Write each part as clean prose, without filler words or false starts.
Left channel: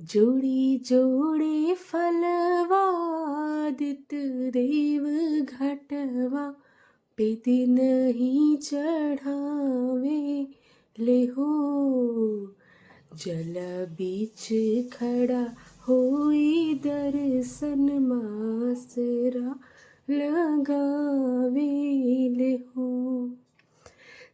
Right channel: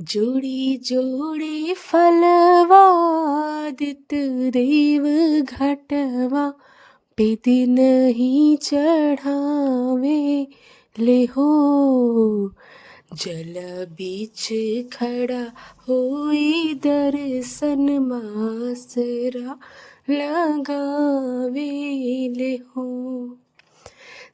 जोड़ी जोड़ी फलवा दित देव घटवा पे दिन ही चढ़ावे ले हो। जल बीच खड़ा होई दर्शन मासरा लगावे ले हो।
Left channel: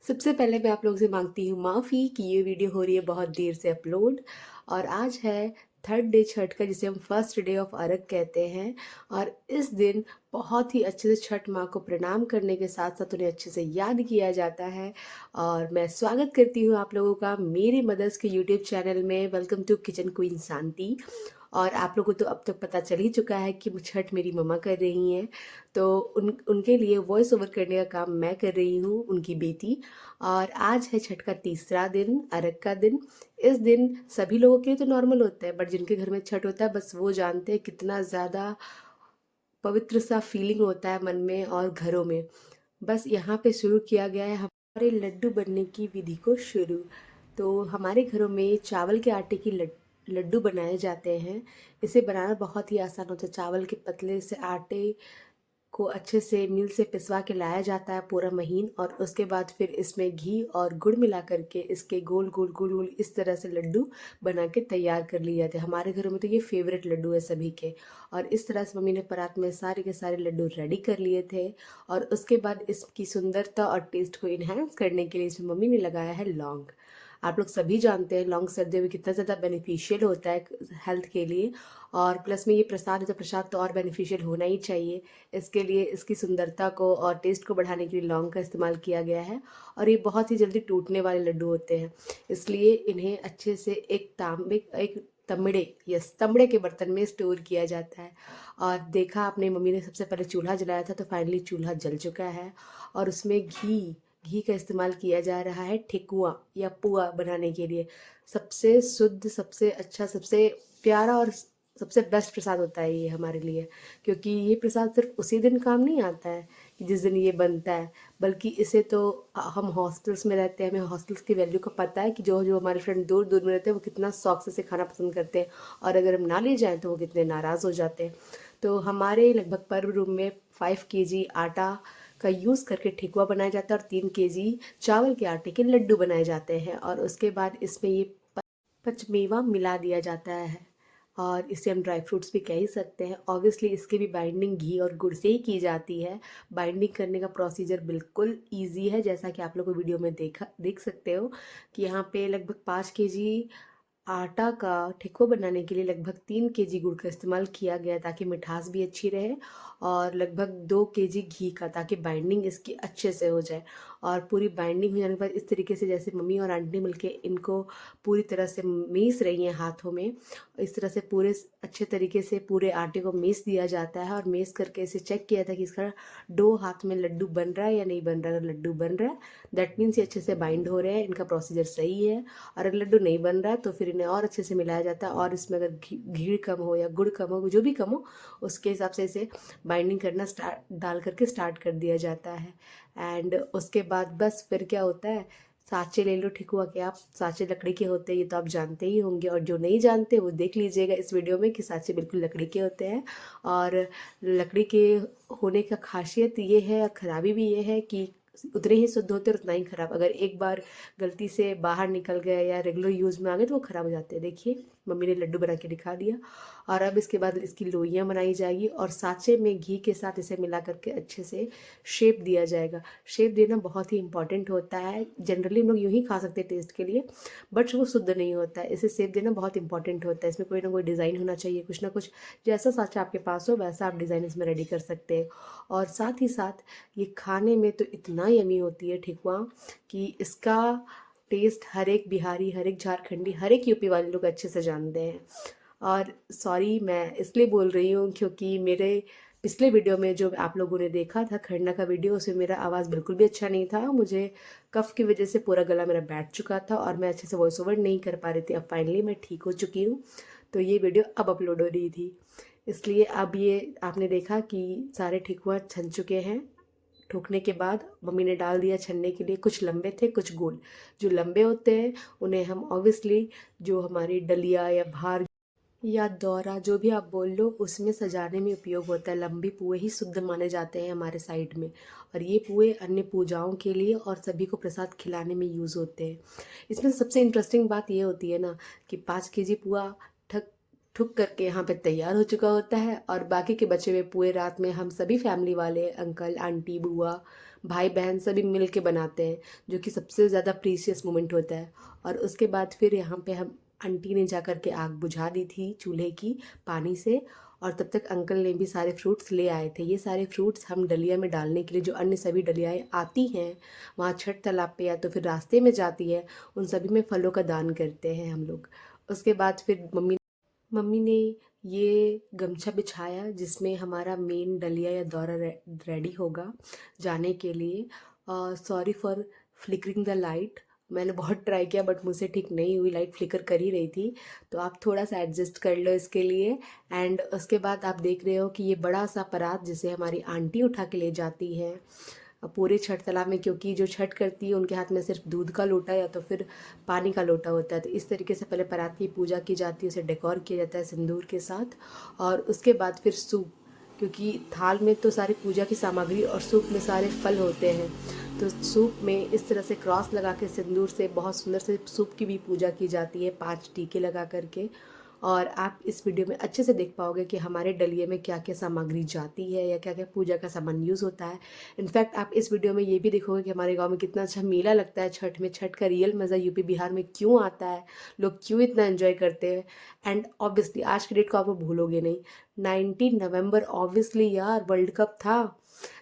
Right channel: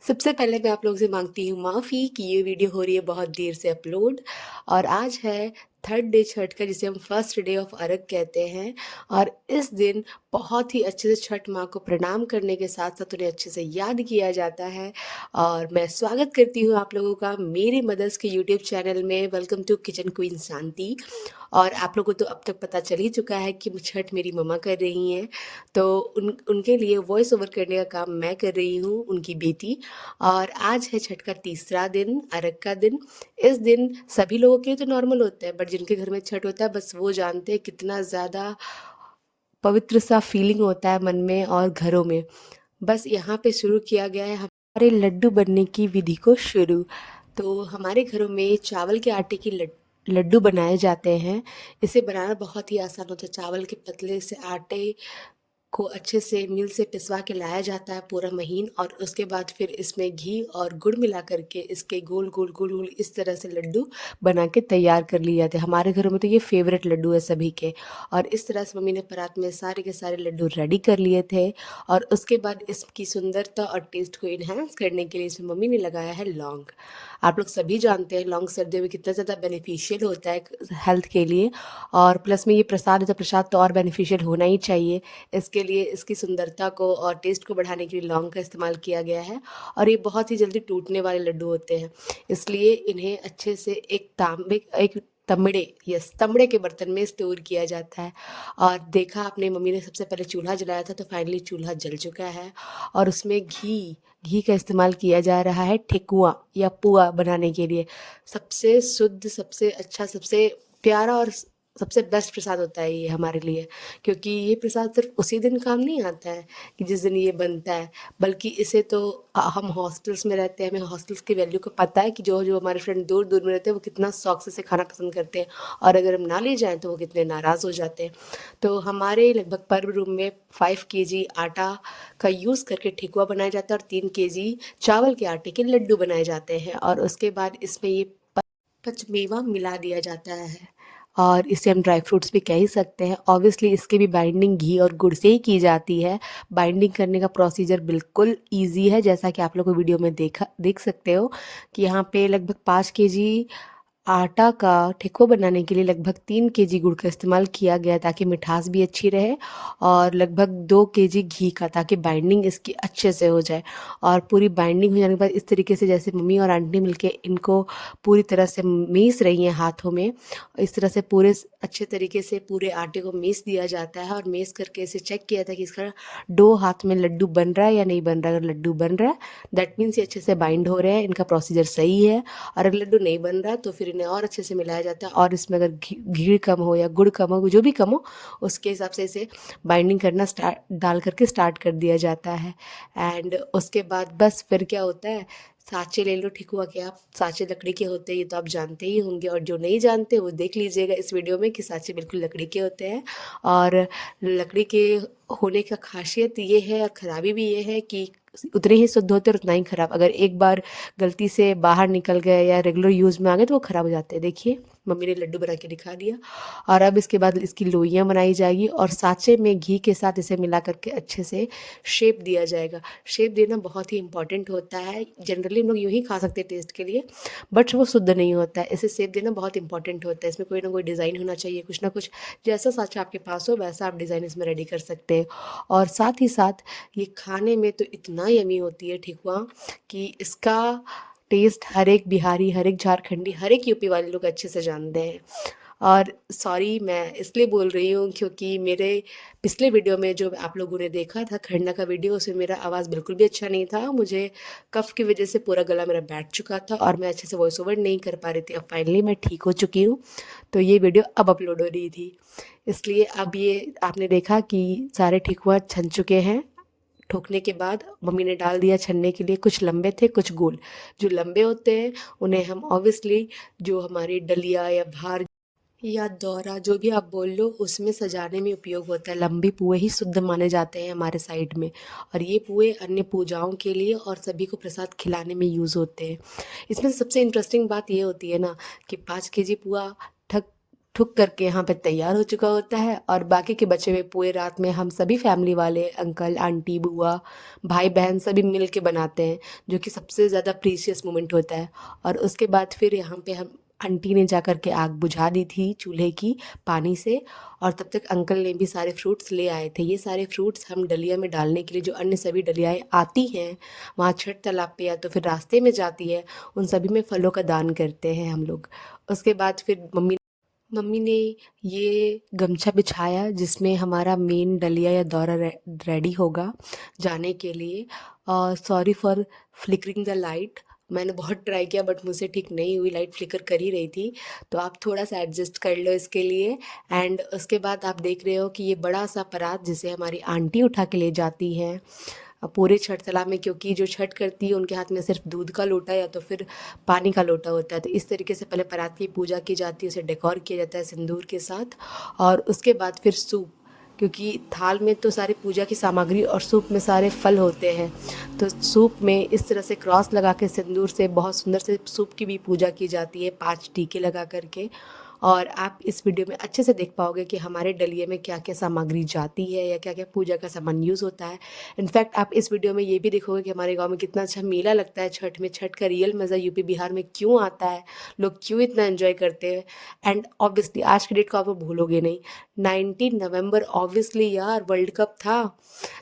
सबसे पहले मैं आप लोगों से मांगती हूँ माफ़ी कि ये वीडियो हो रही है बहुत देर से अपलोड। और आज है थर्ड डे छठ का, जिसे हम फर्स्ट डे ऑफ अर्घ कहते हैं। और इस दिन बहुत ही अच्छे से छठ माँ को प्रणाम करने के साथ साथ उन्हें अच्छे से याद किया जाता है। और मैं स्वागत करती हूँ आप लोगों का मेरी मदर्स के यूट्यूब चैनल में। वेलकम टू किचन क्वीन शांति। और आप लोगों को तो अब तक पता चल ही चुका है कि छठ मेरी मम्मा कर रही हैं, तो उनके लिए वॉइस ओवर करने का काम मैं कर रही हूँ, उनकी बेटी। और आज है छठ का तीसरा दिन, अर्घ का दिन। इस दिन सभी लोगों के लिए तो नॉर्मल होता है, बट जिनके घर में छठ होता है बस वो जानते हैं कितना ज़्यादा पवित्र सा फीलिंग होता है मन में और घरों में। बस यहाँ पे शुरू किया गया है हमारे लड्डू बनने की विधि को शुरू। तो हमारे घरों में चावल के आटे की लड्डू बनाए जाते हैं। इसे बनाना बहुत ही आसान होता है। चावल के पतले से आटे को अच्छे से मिल से पिसवा के लाया जाता है पूरा महीन, और उसके बाद फिर इसमें घी और गुड़ मिला करके इसके गोल गोल गोल गोल इस तरह से लड्डू बना के तैयार कर लिए जाते हैं। हमारे घरों में तो ये फेवरेट लड्डू है सभी के। और इस तरह से मम्मी ने परात में सारे के सारे लड्डू रेडी कर लिए थे। और उसके बाद इसकी सुंदरता और टेस्ट को इन्हेंस करने के लिए इसमें मम्मी ने लगाया है लौंग। आप लोग सभी जानते हैं लौंग सर्दियों में कितना ज़्यादा बेनिफिशियल होता है हेल्थ के लिए। और प्लस में ये प्रसाद है तो प्रसाद तो और बेनिफिशियल होना ही चाहिए। इसके लिए इसकी सुंदरता को और टेस्ट को बढ़ाने के लिए लौंग का इस्तेमाल किया गया है। और ये बहुत ही जल्दी टूटने वाले लड्डू होते हैं, इसलिए इन्हें अच्छे से एक तमड़े, यस, तमड़े के बर्तन में स्टोर किया जाता है। और देखा आपने मम्मी ने सबसे पहले चूल्हा जलाया था, तो फाइनली चूल्हा जल चुका है। और उसमें घी घी का इस्तेमाल किया जा रहा है ठेकुआ या पुआ बनाने के लिए। सबसे शुद्ध, सबसे अच्छा, सबसे प्यारा और सबसे बेस्ट प्रसाद होता है ये हमारे लिए। क्योंकि ये प्रसाद सिर्फ उसी दिन काम नहीं आता है कि जिस दिन ये बनता है, बल्कि इसे तो हम हॉस्टल्स में रहते हैं, हमें हॉस्टल्स की वैल्यू को पता है कि जो जो हमारे फ्रेंड दूर दूर में रहते हैं वो कितना शौक से इसे खाना पसंद करते हैं, और अगर हम ना ले जाएं तो वो कितने नाराज़ हो जाते हैं। तो हमारे लगभग पर रूम में 5 kg आटा का यूज़ करके ठेकुआ बनाया जाता है और 3 kg चावल के आटे के लड्डू बनाए जाते हैं। और उसके बाद इसमें ये पचमेवा मिला दिया जाता है, और इसे हम ड्राई फ्रूट्स भी कह ही सकते हैं। ऑब्वियसली इसकी भी बाइंडिंग घी और गुड़ से ही की जाती है। बाइंडिंग करने का प्रोसीजर बिल्कुल ईजी है, जैसा कि आप लोग को वीडियो में देख सकते हो कि यहाँ पे लगभग 5 kg आटा का ठेकुआ बनाने के लिए लगभग 3 kg गुड़ का इस्तेमाल किया गया, ताकि मिठास भी अच्छी रहे। और लगभग 2 kg घी का, ताकि बाइंडिंग इसकी अच्छे से हो जाए। और पूरी बाइंडिंग हो जाने के बाद इस तरीके से, जैसे मम्मी और आंटी मिलके इनको पूरी तरह से मीस रही हैं हाथों में, इस तरह से पूरे अच्छे तरीके से पूरे आटे को मीस दिया जाता है। और मीस करके इसे चेक किया था कि इसका डो हाथ में लड्डू बन रहा है या नहीं बन रहा है। अगर लड्डू बन रहा है दैट मीन्स ये अच्छे से बाइंड हो रहे हैं, इनका प्रोसीजर सही है। और अगर लड्डू नहीं बन रहा है तो फिर इन्हें और अच्छे से मिलाया जाता है। और इसमें अगर घी कम हो या गुड़ कम हो, जो भी कम हो, उसके हिसाब से इसे बाइंडिंग करना डाल करके स्टार्ट कर दिया जाता है। एंड उसके बाद बस फिर क्या होता है, साँचे ले लो ठेकुआ के। आप साँचे लकड़ी के होते हैं, ये तो आप जानते ही होंगे। और जो नहीं जानते वो देख लीजिएगा इस वीडियो में कि साँचे बिल्कुल लकड़ी के होते हैं। और लकड़ी के होने का खासियत ये है और ख़राबी भी ये है कि उतने ही शुद्ध होते हैं और उतना ही ख़राब। अगर एक बार गलती से बाहर निकल गए या रेगुलर यूज़ में आ गए तो वो ख़राब हो जाते हैं। देखिए मम्मी ने लड्डू बना के दिखा दिया। और अब इसके बाद इसकी लोइयाँ बनाई जाएगी और साँचे में घी के साथ इसे मिला करके अच्छे से शेप दिया जाएगा। शेप देना बहुत ही इंपॉर्टेंट होता है। जनरली हम लोग यूँ ही खा सकते हैं टेस्ट के लिए, बट वो शुद्ध नहीं होता है। इसे शेप देना बहुत इंपॉर्टेंट होता है। इसमें कोई ना कोई डिज़ाइन होना चाहिए, कुछ ना कुछ। जैसा साँचा आपके पास हो वैसा आप डिज़ाइन इसमें रेडी कर सकते हैं। और साथ ही साथ ये खाने में तो इतना यमी होती है ठेकुआ कि इसका टेस्ट हर एक बिहारी, हर एक झारखंडी, हर एक यूपी वाले लोग अच्छे से जानते हैं। और सॉरी मैं इसलिए बोल रही हूँ क्योंकि मेरे पिछले वीडियो में जो आप लोगों ने देखा था खरना का वीडियो, उसमें मेरा आवाज़ बिल्कुल भी अच्छा नहीं था। मुझे कफ़ की वजह से पूरा गला मेरा बैठ चुका था और मैं अच्छे से वॉइस ओवर नहीं कर पा रही थी। अब फाइनली मैं ठीक हो चुकी हूँ, तो ये वीडियो अब अपलोड हो रही थी। इसलिए अब ये आपने देखा कि सारे ठेकुआ छन चुके हैं। ठोकने के बाद मम्मी ने डाल दिया छनने के लिए। कुछ लंबे थे, कुछ गोल। जो लंबे होते हैं उन्हें हम ऑब्वियसली जो हमारी डलिया या भार या दौरा जो भी आप बोल लो उसमें सजाने में उपयोग होता है। लंबे पुए ही शुद्ध माने जाते हैं हमारे साइड में, और ये पुए अन्य पूजाओं के लिए और सभी को प्रसाद खिलाने में यूज़ होते हैं। इसमें सबसे इंटरेस्टिंग बात ये होती है ना कि 5 केजी पुआ ठक ठुक करके यहाँ पे तैयार हो चुका होता है, और बाकी के बचे हुए पुए रात में हम सभी फैमिली वाले अंकल आंटी बुआ भाई बहन सभी मिल के बनाते हैं, जो कि सबसे ज़्यादा प्रीशियस मोमेंट होता है। और उसके बाद फिर यहाँ पे हम आंटी ने जा कर के आग बुझा दी थी चूल्हे की पानी से, और तब तक अंकल ने भी सारे फ्रूट्स ले आए थे। ये सारे फ्रूट्स हम डलिया में डालने के लिए, जो अन्य सभी डलियाएँ आती हैं वहाँ छठ तालाब पे या तो फिर रास्ते में जाती है, उन सभी में फलों का दान करते हैं हम लोग। उसके बाद फिर मम्मी ने ये गमछा बिछाया जिसमें हमारा मेन डलिया या दौरा रेडी होगा जाने के लिए। और sorry for flickering the light, मैंने बहुत ट्राई किया बट मुझसे ठीक नहीं हुई, लाइट फ्लिकर कर ही रही थी, तो आप थोड़ा सा एडजस्ट कर लो इसके लिए। एंड उसके बाद आप देख रहे हो कि ये बड़ा सा परात जिसे हमारी आंटी उठा के ले जाती है पूरे छठ तालाब में, क्योंकि जो छठ करती है उनके हाथ में सिर्फ दूध का लोटा या तो फिर पानी का लोटा होता है। तो इस तरीके से पहले परात की पूजा की जाती है, उसे डेकोर किया जाता है सिंदूर के साथ, और उसके बाद फिर सूप, क्योंकि थाल में तो सारी पूजा की सामग्री और सूप में सारे फल होते हैं, तो सूप में इस तरह से क्रॉस लगा के सिंदूर से बहुत सुंदर से सूप की भी पूजा की जाती है 5 टीके लगा करके। और आप इस वीडियो में अच्छे से देख पाओगे कि हमारे डलिये में क्या क्या सामग्री जाती है या क्या क्या पूजा का सामान यूज़ होता है। इनफैक्ट आप इस वीडियो में ये भी देखोगे कि हमारे गांव में कितना अच्छा मेला लगता है छठ में। छठ का रियल मज़ा यूपी बिहार में क्यों आता है, लोग क्यों इतना एंजॉय करते हैं। एंड ऑब्वियसली आज की डेट को आप लोग भूलोगे नहीं, 19 नवंबर, ऑब्वियसली यार वर्ल्ड कप था,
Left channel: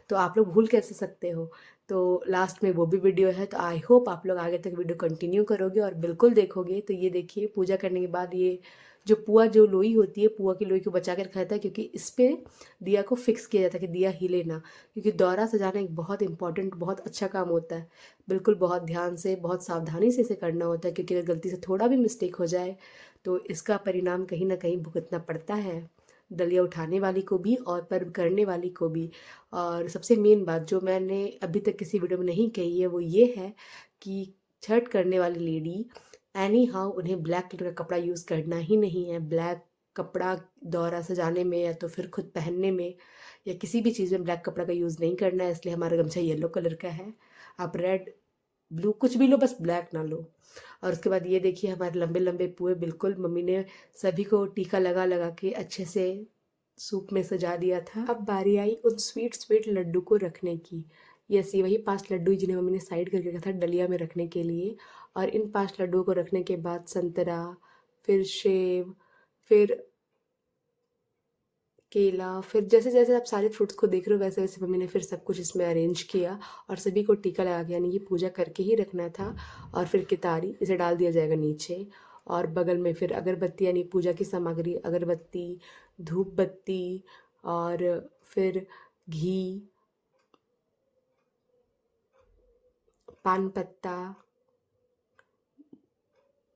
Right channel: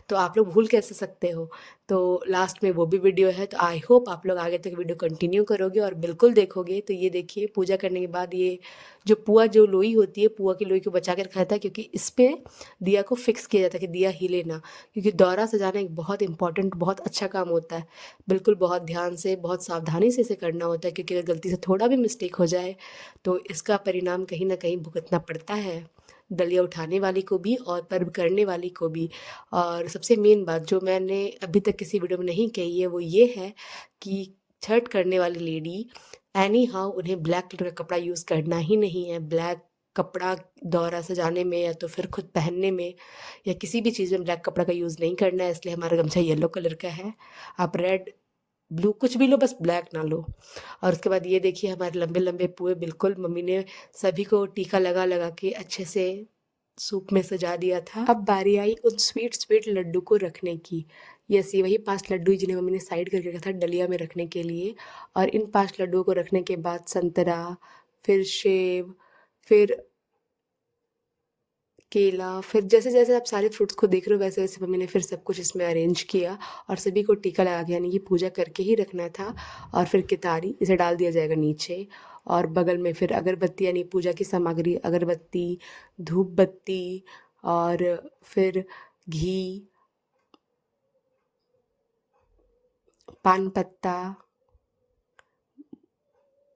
तो आप लोग भूल कैसे सकते हो। तो लास्ट में वो भी वीडियो है, तो आई होप आप लोग आगे तक वीडियो कंटिन्यू करोगे और बिल्कुल देखोगे। तो ये देखिए पूजा करने के बाद ये जो पुआ जो लोई होती है, पुआ की लोई को बचा के रखा जाता है, क्योंकि इस पे दिया को फिक्स किया जाता है कि दिया हिले ना, क्योंकि दौरा सजाना एक बहुत इंपॉर्टेंट बहुत अच्छा काम होता है। बिल्कुल बहुत ध्यान से बहुत सावधानी से इसे करना होता है, क्योंकि अगर गलती से थोड़ा भी मिस्टेक हो जाए तो इसका परिणाम कहीं ना कहीं भुगतना पड़ता है, दलिया उठाने वाली को भी और पर्व करने वाली को भी। और सबसे मेन बात जो मैंने अभी तक किसी वीडियो में नहीं कही है वो ये है कि छठ करने वाली लेडी एनी हाउ उन्हें ब्लैक कलर का कपड़ा यूज़ करना ही नहीं है। ब्लैक कपड़ा दौरा सजाने में या तो फिर खुद पहनने में या किसी भी चीज़ में ब्लैक कपड़ा का यूज़ नहीं करना है, इसलिए हमारा गमछा येलो कलर का है। आप रेड ब्लू कुछ भी लो, बस ब्लैक ना लो। और उसके बाद ये देखिए हमारे लंबे लंबे पुए, बिल्कुल मम्मी ने सभी को टीका लगा लगा के अच्छे से सूप में सजा दिया था। अब बारी आई उन स्वीट स्वीट लड्डू को रखने की। यस, ये वही 5 लड्डू जिन्हें मम्मी ने साइड करके रखा था डलिया में रखने के लिए। और इन 5 लड्डुओं को रखने के बाद संतरा, फिर सेब, फिर केला, फिर जैसे जैसे आप सारे फ्रूट्स को देख रहे हो वैसे वैसे मम्मी ने फिर सब कुछ इसमें अरेंज किया, और सभी को टीका लगा के, यानी कि पूजा करके ही रखना था। और फिर कितारी, इसे डाल दिया जाएगा नीचे, और बगल में फिर अगरबत्ती यानी पूजा की सामग्री, अगरबत्ती, धूप बत्ती, और फिर घी, पान पत्ता,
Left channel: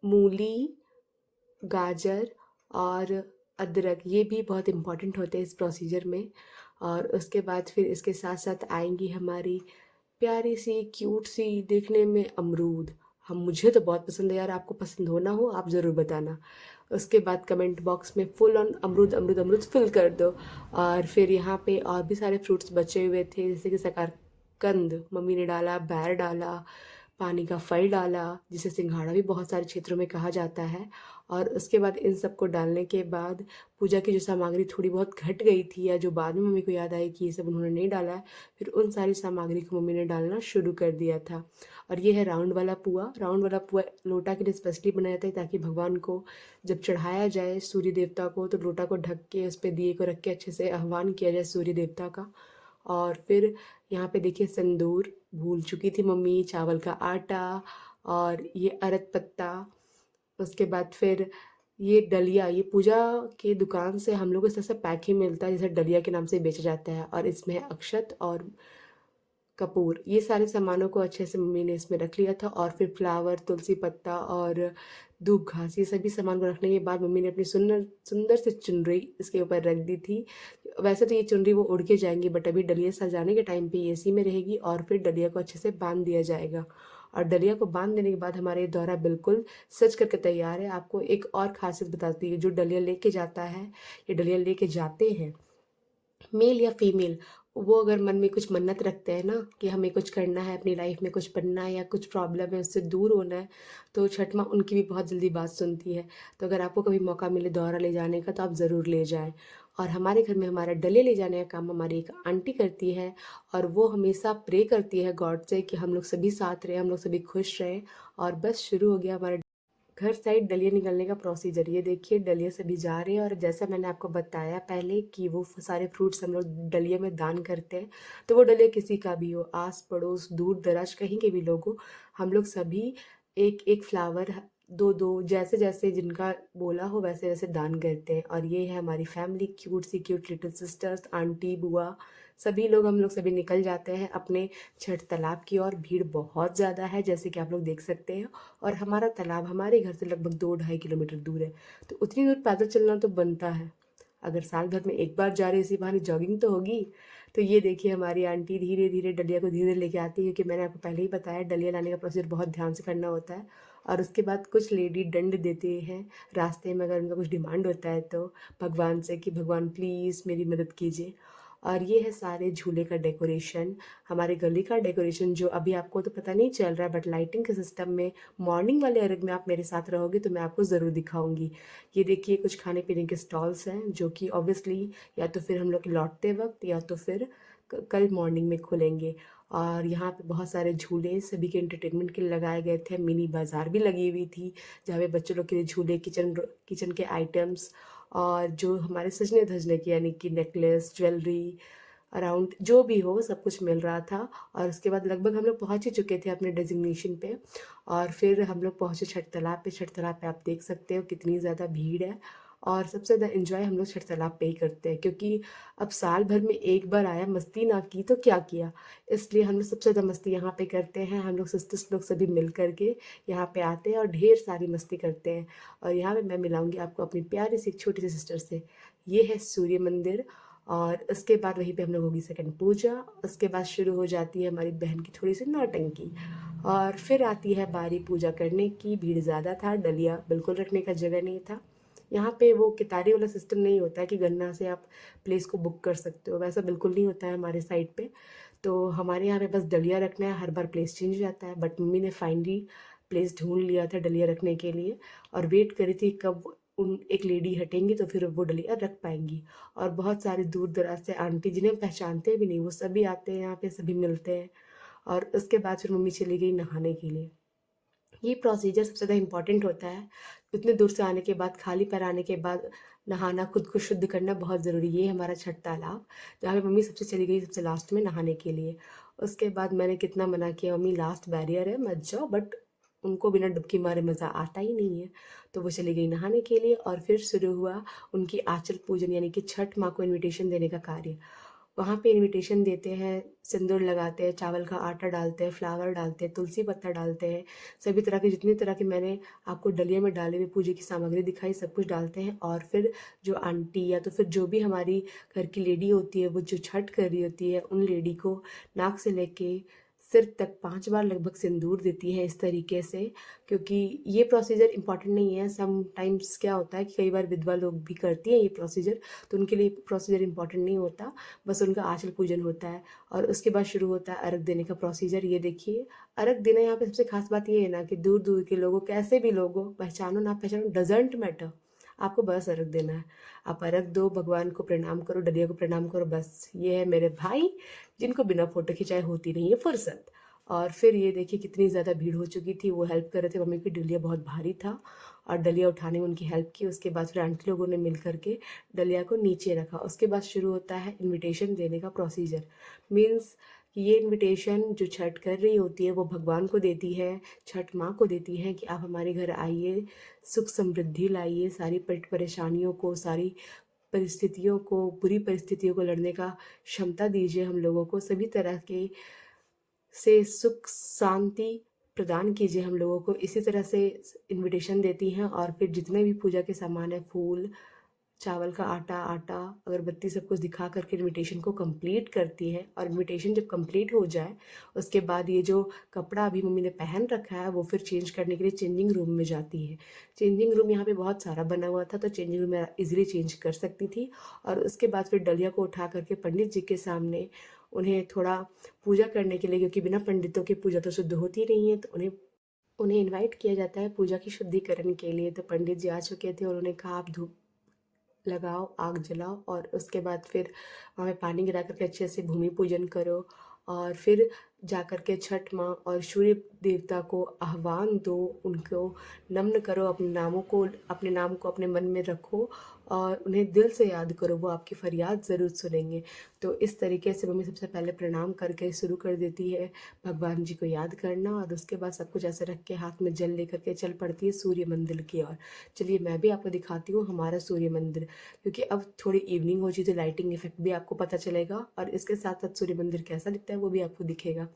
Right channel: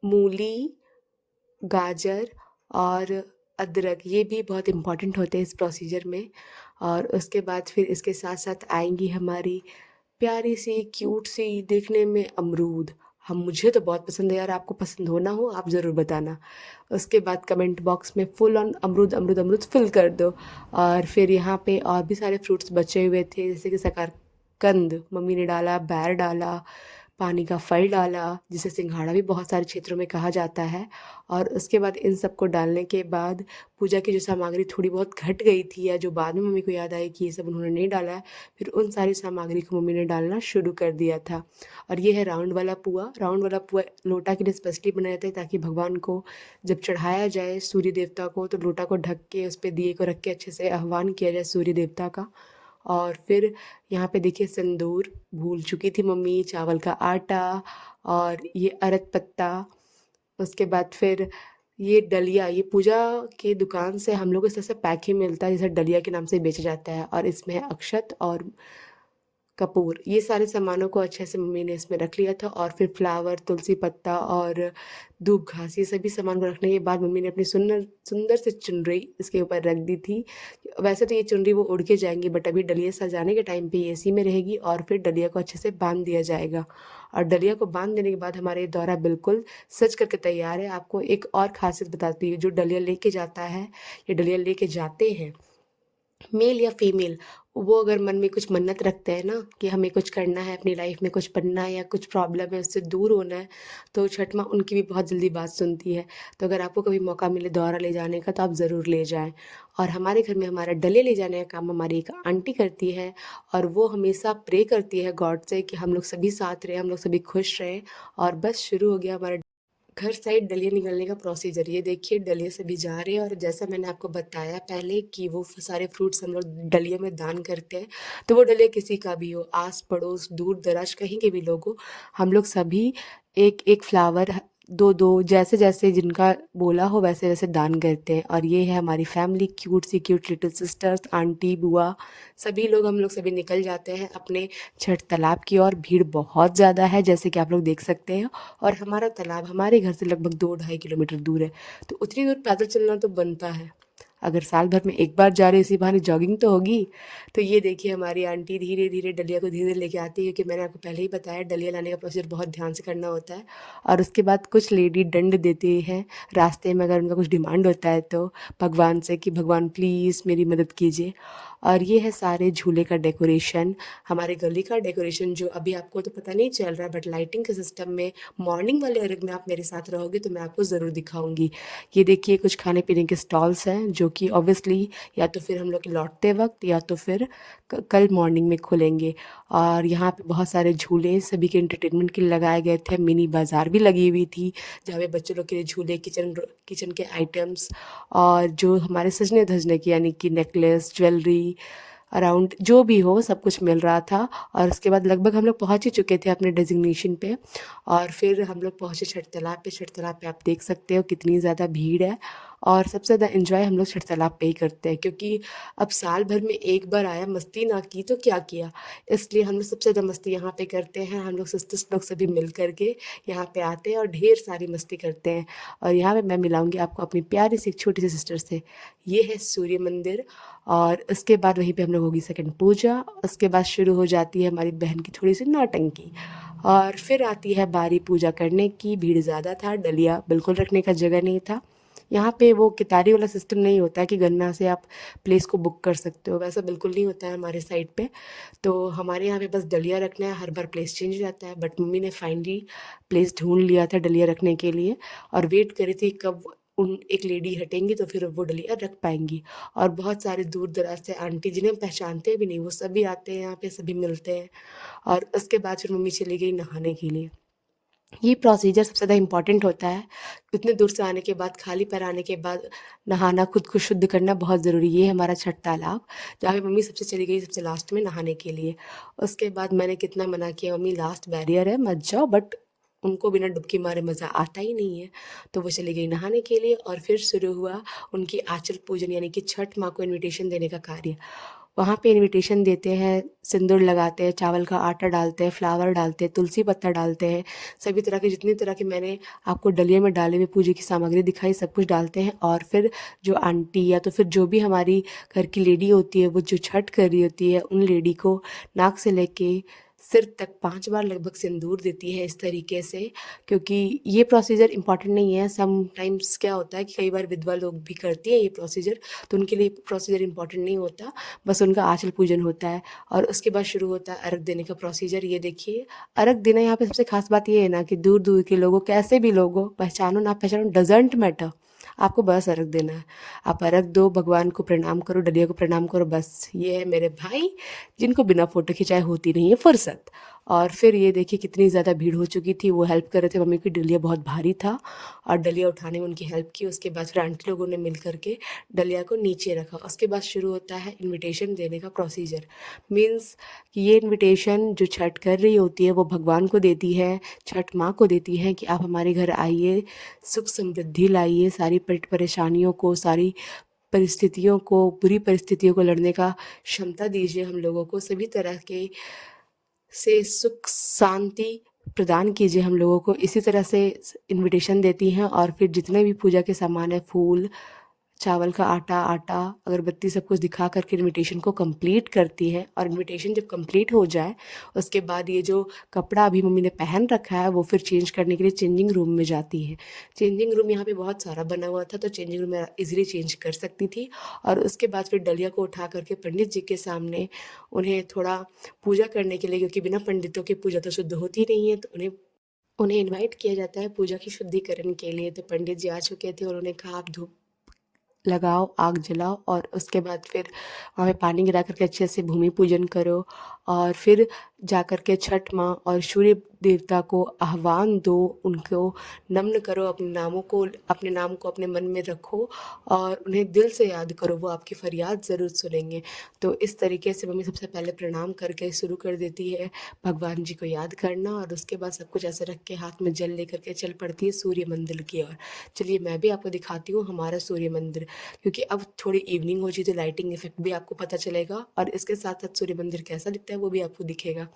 मूली, गाजर और अदरक, ये भी बहुत इम्पॉर्टेंट होते हैं इस प्रोसीजर में। और उसके बाद फिर इसके साथ साथ आएंगी हमारी प्यारी सी क्यूट सी देखने में अमरूद। हम मुझे तो बहुत पसंद है यार, आपको पसंद हो ना हो आप ज़रूर बताना। उसके बाद कमेंट बॉक्स में फुल ऑन अमरूद अमरूद अमरूद फिल कर दो। और फिर यहाँ पे और भी सारे फ्रूट्स बचे हुए थे, जैसे कि शकरकंद मम्मी ने डाला, बैर डाला, पानी का फल डाला जिसे सिंघाड़ा भी बहुत सारे क्षेत्रों में कहा जाता है। और उसके बाद इन सबको डालने के बाद पूजा की जो सामग्री थोड़ी बहुत घट गई थी या जो बाद में मम्मी को याद आई कि ये सब उन्होंने नहीं डाला है, फिर उन सारी सामग्री को मम्मी ने डालना शुरू कर दिया था। और ये है राउंड वाला पुआ। राउंड वाला पुआ लोटा के लिए स्पेशली बनाया जाता है ताकि भगवान को जब चढ़ाया जाए सूर्य देवता को, तो लोटा को ढक के उस पर दिए को रख के अच्छे से आह्वान किया जाए सूर्य देवता का। और फिर यहाँ पे देखिए सिंदूर भूल चुकी थी मम्मी, चावल का आटा, और ये अरत पत्ता। उसके बाद फिर ये डलिया, ये पूजा की दुकान से हम लोग इस तरह से पैक ही मिलता है जैसे डलिया के नाम से बेचा जाता है, और इसमें है अक्षत और कपूर। ये सारे सामानों को अच्छे से मम्मी ने इसमें रख लिया था। और फिर फ्लावर, तुलसी पत्ता और धूप घास, ये सभी सामान को रखने के बाद मम्मी ने अपनी सुंदर सुंदर से चुनरी इसके ऊपर रख दी थी। वैसे तो ये चुनरी वो उड़ के जाएंगी, बट अभी डलिया सजाने के टाइम पे ये इसी में रहेगी और फिर डलिया को अच्छे से बांध दिया जाएगा। और डलिया को बांध देने के बाद हमारे दौरा बिल्कुल सज करके तैयार है। आपको एक और खासियत बताती हूँ, जो डलिया लेके जाता है या डलिया लेके जाते हैं, मेल या फीमेल, वो अगर मन में कुछ मन्नत रखते हैं ना कि हमें कुछ करना है, अपनी लाइफ में कुछ बनना है या कुछ प्रॉब्लम है उससे दूर होना है, तो छठ माँ उनकी भी बहुत जल्दी बात सुनती है। तो अगर आपको कभी मौका मिले दौरा ले जाने का तो आप ज़रूर ले जाएं। और हमारे घर में हमारा डले ले जाने का काम हमारी एक आंटी करती है, और वो हमेशा प्रे करती है गॉड से कि हम लोग सभी साथ रहें, हम लोग सभी खुश रहें। और बस शुरू हो गया हमारा घर साइड डलिया निकलने का प्रोसीजर। ये देखिए डलिया सभी जा रहे हैं, और जैसा मैंने आपको बताया पहले कि वो सारे फ्रूट्स हम लोग डलिया में दान करते हैं, तो वो डलिया किसी का भी हो, आस पड़ोस दूर दराज कहीं के भी लोग हो, हम लोग सभी एक एक फ्लावर, दो दो, जैसे जैसे जिनका बोला हो वैसे वैसे दान करते हैं। और ये है हमारी फैमिली, क्यूट सी क्यूट लिटिल सिस्टर्स, आंटी, बुआ, सभी लोग, हम लोग सभी निकल जाते हैं अपने छठ तालाब की ओर। भीड़ बहुत ज़्यादा है जैसे कि आप लोग देख सकते हैं, और हमारा तालाब हमारे घर से लगभग 2-2.5 किलोमीटर दूर है, तो उतनी दूर पैदल चलना तो बनता है। अगर साल भर में एक बार जा रहे इसी बहाने जॉगिंग तो होगी। तो ये देखिए हमारी आंटी धीरे धीरे डलिया को धीरे धीरे लेके आती है, क्योंकि मैंने आपको पहले ही बताया डलिया लाने का प्रोसीजर बहुत ध्यान से करना होता है। और उसके बाद कुछ लेडी दंड देती हैं रास्ते में, अगर उनका कुछ डिमांड होता है तो भगवान से कि भगवान प्लीज़ मेरी मदद कीजिए। और ये है सारे झूले का डेकोरेशन, हमारे गली का डेकोरेशन, जो अभी आपको तो पता नहीं चल रहा, बट लाइटिंग के सिस्टम में मॉर्निंग वाले अर्घ में आप मेरे साथ रहोगे तो मैं आपको ज़रूर दिखाऊंगी। ये देखिए कुछ खाने पीने के स्टॉल्स हैं, जो कि ऑब्वियसली या तो फिर हम लोग लौटते वक्त या तो फिर कल मॉर्निंग में खुलेंगे। और यहाँ पे बहुत सारे झूले सभी के एंटरटेनमेंट के लिए लगाए गए थे, मिनी बाज़ार भी लगी हुई थी जहाँ पे बच्चों लोग के लिए झूले, किचन किचन के आइटम्स, और जो हमारे सजने धजने की यानी कि नेकलेस, ज्वेलरी, अराउंड जो भी हो सब कुछ मिल रहा था। और उसके बाद लगभग हम लोग पहुंच ही चुके थे अपने डेजिग्नेशन पे, और फिर हम लोग पहुंचे छठ तालाब पे। छठ तालाब पे आप देख सकते हो कितनी ज़्यादा भीड़ है, और सबसे ज़्यादा एंजॉय हम लोग छठ तालाब पे ही करते हैं, क्योंकि अब साल भर में एक बार आया, मस्ती ना की तो क्या किया। इसलिए हम लोग सबसे ज़्यादा मस्ती यहाँ पे करते हैं। हम लोग सिस्टर्स लोग सभी मिल करके यहाँ पे आते हैं और ढेर सारी मस्ती करते हैं। और यहाँ पे मैं मिलाऊंगी आपको अपनी प्यारी सी एक छोटी सी सिस्टर से। ये है सूर्य मंदिर, और उसके बाद वहीं पे हम लोग होगी सेकंड पूजा। उसके बाद शुरू हो जाती है हमारी बहन की थोड़ी सी नौटंकी, और फिर आती है बारी पूजा करने की। भीड़ ज़्यादा था, डलिया बिल्कुल रखने का जगह नहीं था। यहाँ पे वो कितारी वाला सिस्टम नहीं होता है कि गन्ना से आप प्लेस को बुक कर सकते हो, वैसा बिल्कुल नहीं होता है हमारे साइड पे। तो हमारे यहाँ पे बस डलिया रखना है, हर बार प्लेस चेंज हो जाता है, बट मम्मी ने फाइनली प्लेस ढूंढ लिया था डलिया रखने के लिए, और वेट करी थी कब उन एक लेडी हटेंगी तो फिर वो डलिया रख पाएंगी। और बहुत सारे दूर दराज से आंटी जिन्हें हम पहचानते भी नहीं वो सभी आते हैं यहाँ पे, सभी मिलते हैं। और उसके बाद फिर मम्मी चली गई नहाने के लिए। ये प्रोसीजर सबसे ज़्यादा इम्पॉर्टेंट होता है। इतने दूर से आने के बाद, खाली पैर आने के बाद नहाना, खुद को शुद्ध करना बहुत ज़रूरी है। ये हमारा छठ तालाब, जहाँ पे मम्मी सबसे चली गई सबसे लास्ट में नहाने के लिए। उसके बाद मैंने कितना मना किया, मम्मी लास्ट बैरियर है मत जाओ, बट उनको बिना डुबकी मारे मज़ा आता ही नहीं है। तो वो चली गई नहाने के लिए, और फिर शुरू हुआ उनकी आंचल पूजन यानी कि छठ माँ को इनविटेशन देने का कार्य। वहाँ पे इनविटेशन देते हैं, सिंदूर लगाते हैं, चावल का आटा डालते हैं, फ्लावर डालते हैं, तुलसी पत्ता डालते हैं, सभी तरह के जितनी तरह के मैंने आपको डलिया में डाले हुए पूजे की सामग्री दिखाई सब कुछ डालते हैं। और फिर जो आंटी या तो फिर जो भी हमारी घर की लेडी होती है, वो जो छठ कर रही होती है, उन लेडी को नाक से लेके सिर तक 5 बार लगभग सिंदूर देती है इस तरीके से। क्योंकि ये प्रोसीजर इंपॉर्टेंट नहीं है, समटाइम्स क्या होता है कि कई बार विधवा लोग भी करती हैं ये प्रोसीजर, तो उनके लिए प्रोसीजर इंपॉर्टेंट नहीं होता, बस उनका आंचल पूजन होता है। और उसके बाद शुरू होता है अर्घ देने का प्रोसीजर। ये देखिए अर्घ देना, यहाँ पे सबसे खास बात ये है ना कि दूर दूर के लोगों, कैसे भी लोगों, पहचानो ना पहचानो, डजेंट मैटर, आपको बस अर्घ देना है। आप अर्घ दो, भगवान को प्रणाम करो, डलिया को प्रणाम करो, बस। ये है मेरे भाई जिनको बिना फोटो खिंचाए होती नहीं है फुर्सत। और फिर ये देखिए कितनी ज़्यादा भीड़ हो चुकी थी, वो हेल्प कर रहे थे मम्मी की, डलिया बहुत भारी था और डलिया उठाने में उनकी हेल्प की। उसके बाद फिर आंटी लोगों ने मिल करके डलिया को नीचे रखा। उसके बाद शुरू होता है इनविटेशन देने का प्रोसीजर। मीन्स कि ये इनविटेशन जो छठ कर रही होती है वो भगवान को देती है, छठ माँ को देती है कि आप हमारे घर आइए, सुख समृद्धि लाइए, सारी परेशानियों को, सारी परिस्थितियों को, बुरी परिस्थितियों को लड़ने का क्षमता दीजिए हम लोगों को, सभी तरह के से सुख शांति प्रदान कीजिए हम लोगों को। इसी तरह से इनविटेशन देती हैं। और फिर जितने भी पूजा के सामान है, फूल, चावल का आटा अगरबत्ती सब कुछ दिखा करके इनविटेशन को कंप्लीट करती है। और इनविटेशन जब कंप्लीट हो जाए उसके बाद ये जो कपड़ा अभी मम्मी ने पहन रखा है वो फिर चेंज करने के लिए चेंजिंग रूम में जाती है। चेंजिंग रूम यहाँ पे बहुत सारा बना हुआ था तो चेंजिंग रूम में इजीली चेंज कर सकती थी। और उसके बाद फिर डलिया को उठा करके पंडित जी के सामने उन्हें थोड़ा पूजा करने के लिए, क्योंकि बिना पंडितों की पूजा तो शुद्ध होती नहीं है, तो उन्हें उन्हें इनवाइट किया जाता है पूजा की शुद्धिकरण के लिए। तो पंडित जी आ चुके थे और उन्होंने कहा आप धूप लगाओ, आग जलाओ और उसके बाद फिर वहाँ पे पानी गिरा करके अच्छे से भूमि पूजन करो। और फिर जा कर के छठ माँ और सूर्य देवता को आह्वान दो, उनको नम्न करो, अपने नाम को अपने मन में रखो और उन्हें दिल से याद करो, वो आपकी फरियाद ज़रूर सुनेंगे। तो इस तरीके से मम्मी सबसे पहले प्रणाम करके शुरू कर देती है भगवान जी को याद करना, और उसके बाद सब कुछ ऐसे रख के हाथ में जल लेकर के चल पड़ती है सूर्य मंदिर की ओर। चलिए मैं भी आपको दिखाती हूँ हमारा सूर्य मंदिर, क्योंकि अब थोड़ी इवनिंग हो चुकी तो लाइटिंग इफेक्ट भी आपको पता चलेगा और इसके साथ साथ सूर्य मंदिर कैसा दिखता है वो भी आपको दिखेगा।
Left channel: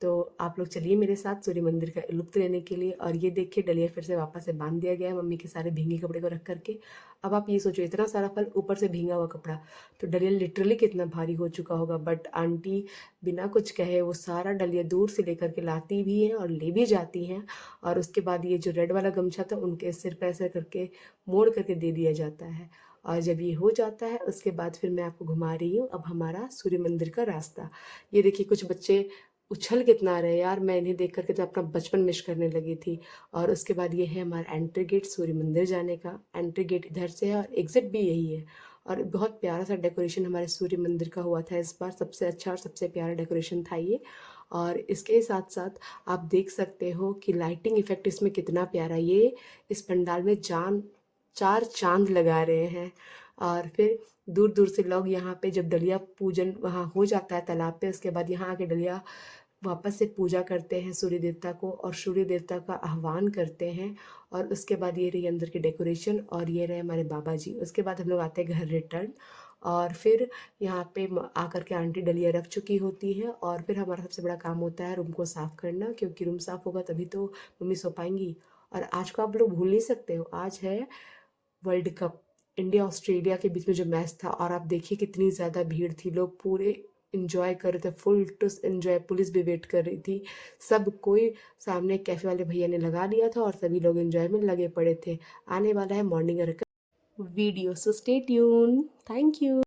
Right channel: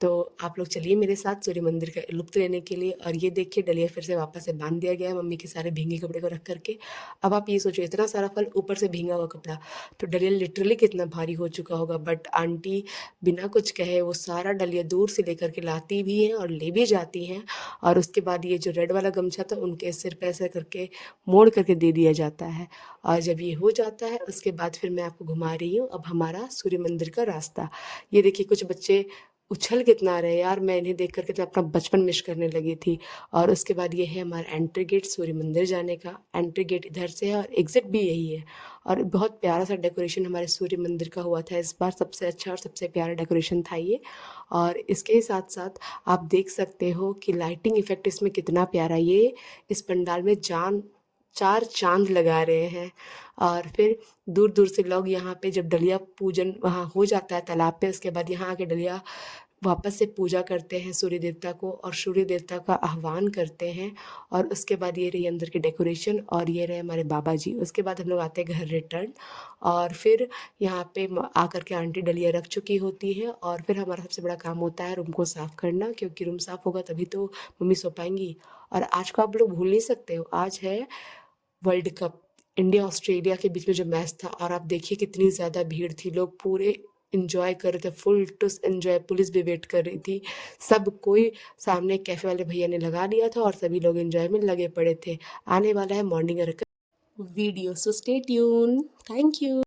तो आप लोग चलिए मेरे साथ सूर्य मंदिर का लुत्फ़ लेने के लिए। और ये देखिए डलिया फिर से वापस से बांध दिया गया है मम्मी के सारे भींगे कपड़े को रख करके। अब आप ये सोचो इतना सारा फल ऊपर से भींगा हुआ कपड़ा, तो डलिया लिटरली कितना भारी हो चुका होगा। बट आंटी बिना कुछ कहे वो सारा डलिया दूर से लेकर के लाती भी हैं और ले भी जाती हैं। और उसके बाद ये जो रेड वाला गमछा था उनके सिर पे ऐसे करके मोड़ करके दे दिया जाता है। और जब ये हो जाता है उसके बाद फिर मैं आपको घुमा रही हूँ अब हमारा सूर्य मंदिर का रास्ता। ये देखिए कुछ बच्चे उछल कितना रहे यार, मैं इन्हें देख करके तो अपना बचपन मिस करने लगी थी। और उसके बाद ये है हमारा एंट्री गेट सूर्य मंदिर जाने का। एंट्री गेट इधर से है और एग्जिट भी यही है। और बहुत प्यारा सा डेकोरेशन हमारे सूर्य मंदिर का हुआ था इस बार, सबसे अच्छा और सबसे प्यारा डेकोरेशन था ये। और इसके साथ साथ आप देख सकते हो कि लाइटिंग इफेक्ट इसमें कितना प्यारा, ये इस पंडाल में जान चार चांद लगा रहे हैं। और फिर दूर दूर से लोग यहाँ पे जब डलिया पूजन वहाँ हो जाता है तालाब पे, उसके बाद यहाँ आके डलिया वापस से पूजा करते हैं सूर्य देवता को और सूर्य देवता का आह्वान करते हैं। और उसके बाद ये रही अंदर की डेकोरेशन और ये रहे हमारे बाबा जी। उसके बाद हम लोग आते हैं घर रिटर्न। और फिर यहाँ पे आकर के आंटी डलिया रख चुकी होती है और फिर हमारा सबसे बड़ा काम होता है रूम को साफ़ करना, क्योंकि रूम साफ़ होगा तभी तो मम्मी सो पाएंगी। और आज को आप लोग भूल नहीं सकते हो, आज है वर्ल्ड कप, इंडिया ऑस्ट्रेलिया के बीच में जो मैच था। और आप देखिए कितनी ज़्यादा भीड़ थी, लोग पूरे इंजॉय कर रहे थे, फुल टू इंजॉय। पुलिस भी वेट कर रही थी, सब कोई सामने कैफे वाले भैया ने लगा लिया था और सभी लोग एंजॉय में लगे पड़े थे। आने वाला है morning video, so stay tune. Thank you.